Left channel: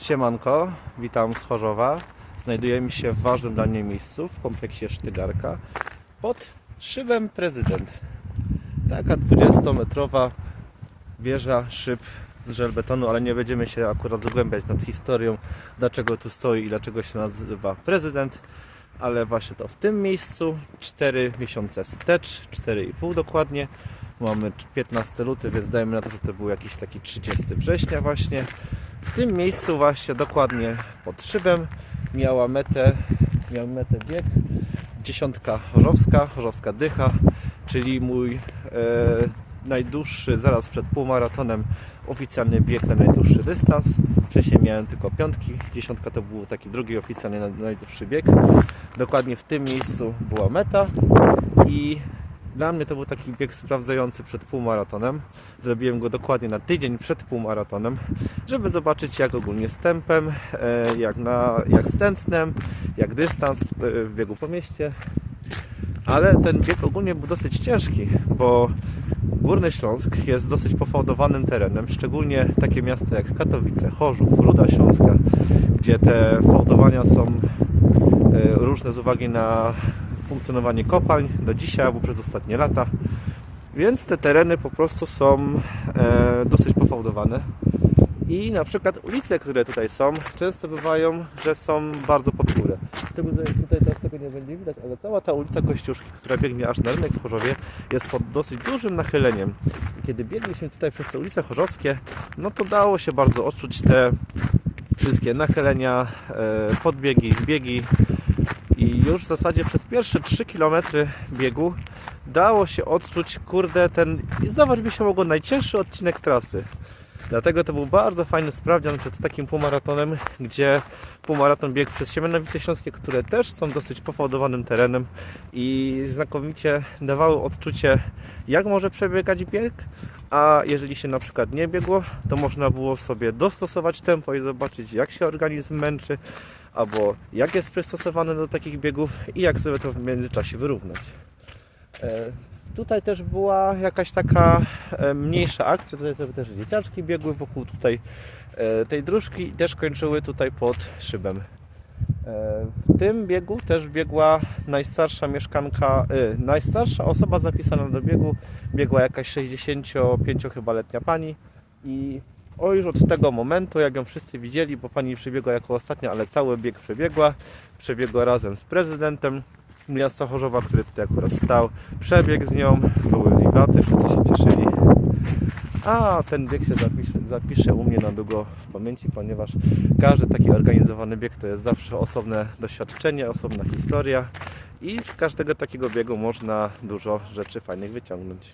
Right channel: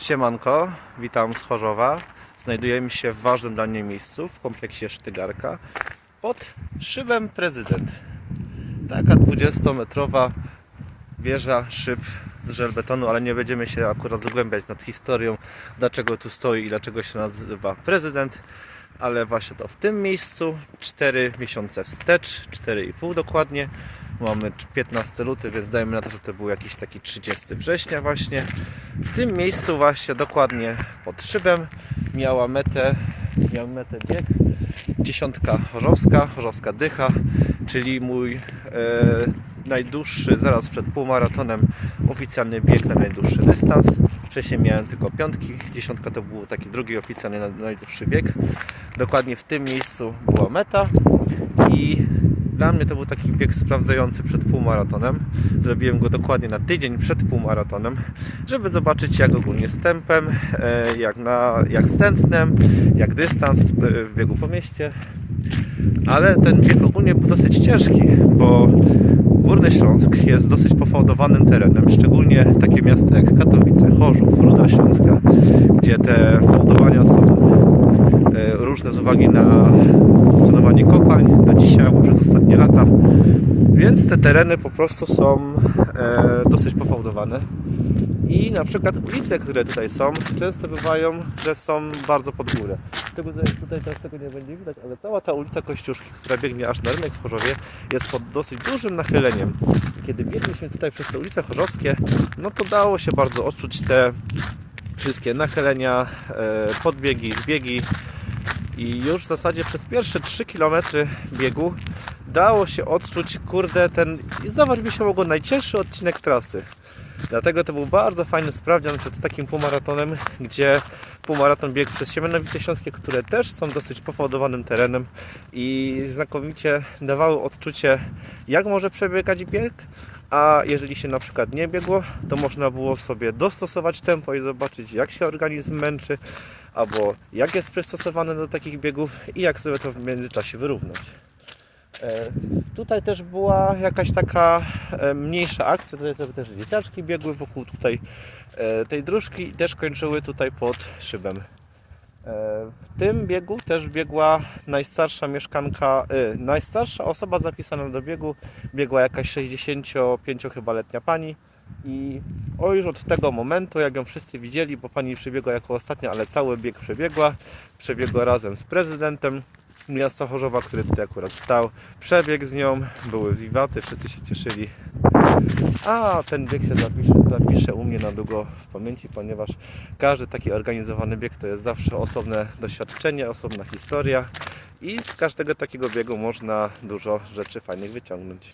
Siemanko, witam z Chorzowa. Znajdujemy się w ważnym dla mnie miejscu w kompleksie Sztygarka pod szybem Prezydent. Taka 20-metrowa wieża szyb z żelbetonu, ale nie będziemy się akurat zagłębiać nad historią, dlaczego tu stoi i dlaczego się nazywa Prezydent. Ale właśnie to w tym miejscu, 4 miesiące wstecz, 4,5 dokładnie. Mamy 15 luty, więc dajmy na to, że to był jakiś taki 30 września właśnie. W tym miejscu właśnie dokładnie pod szybem miała metę, miał metę bieg dziesiątka chorzowska, chorzowska dycha, czyli mój e, najdłuższy, zaraz przed półmaratonem oficjalny bieg na najdłuższy dystans. Wcześniej miałem tylko piątki, dziesiątka to był taki drugi oficjalny naj- najdłuższy bieg. Dokładnie w tym miejscu była meta i dla mnie to był taki bieg sprawdzający przed półmaratonem. Zrobiłem go dokładnie na tydzień przed półmaratonem, żeby zobaczyć jak ogólnie z tempem, e, jak, na, jak z tętnem, jak dystans e, w biegu po mieście. Ale ten bieg ogólnie był dosyć ciężki, bo Górny Śląsk jest dosyć pofałdowanym terenem, szczególnie takie miasta jak Katowice, Chorzów, Ruda Śląska, gdzie te fałdowania są różne z uwagi na funkcjonowanie kopalń do dzisiaj albo przez ostatnie lata. Więc te tereny po prostu są e, dosyć pofałdowane. I na przykład ulice, które tutaj są, często bywają, że są bardzo pod górę. Tego, tutaj też tego nie będzie widać, ale cała ta ulica Kościuszki, która biegnie aż na rynek w Chorzowie, jest pod dosyć dużym nachyleniem. I kiedy biegliśmy tutaj przez te ulice chorzowskie, no to dało się bardzo odczuć te wszystkie nachylenia, e, podbiegi, zbiegi. I już w zasadzie przez pierwsze 3 km biegu dało się odczuć, kurde, ten, zobacz, by się mogło najcięższy odcinek trasy. Dlatego to był bardzo fajny sprawdzian przed takim półmaratonem, gdzie półmaraton biegł przez Siemianowice Śląskie, które też są dosyć pofałdowanym terenem i znakomicie dawały odczucie, jak może przebiegać bieg, a jeżeli się na przykład nie biegło, to można było sobie dostosować tempo i zobaczyć, jak się organizm męczy, albo jak jest przystosowany do takich biegów i jak sobie to w międzyczasie wyrównać. E, Tutaj też była jakaś taka e, mniejsza akcja, tutaj też dzieciaczki biegły wokół tutaj e, tej dróżki i też kończyły tutaj pod szybem. W tym biegu też biegła najstarsza mieszkanka, najstarsza osoba zapisana do biegu, biegła jakaś 65 chyba letnia pani i o już od tego momentu, jak ją wszyscy widzieli, bo pani przebiegła jako ostatnia, ale cały bieg przebiegła, przebiegła razem z prezydentem miasta Chorzowa, który tutaj akurat stał, przebiegł z nią, były wiwaty, wszyscy się cieszyli. A ten bieg się zapisze, zapisze u mnie na długo w pamięci, ponieważ każdy taki organizowany bieg to jest zawsze osobne doświadczenie, osobna historia i z każdego takiego biegu można dużo rzeczy fajnych wyciągnąć.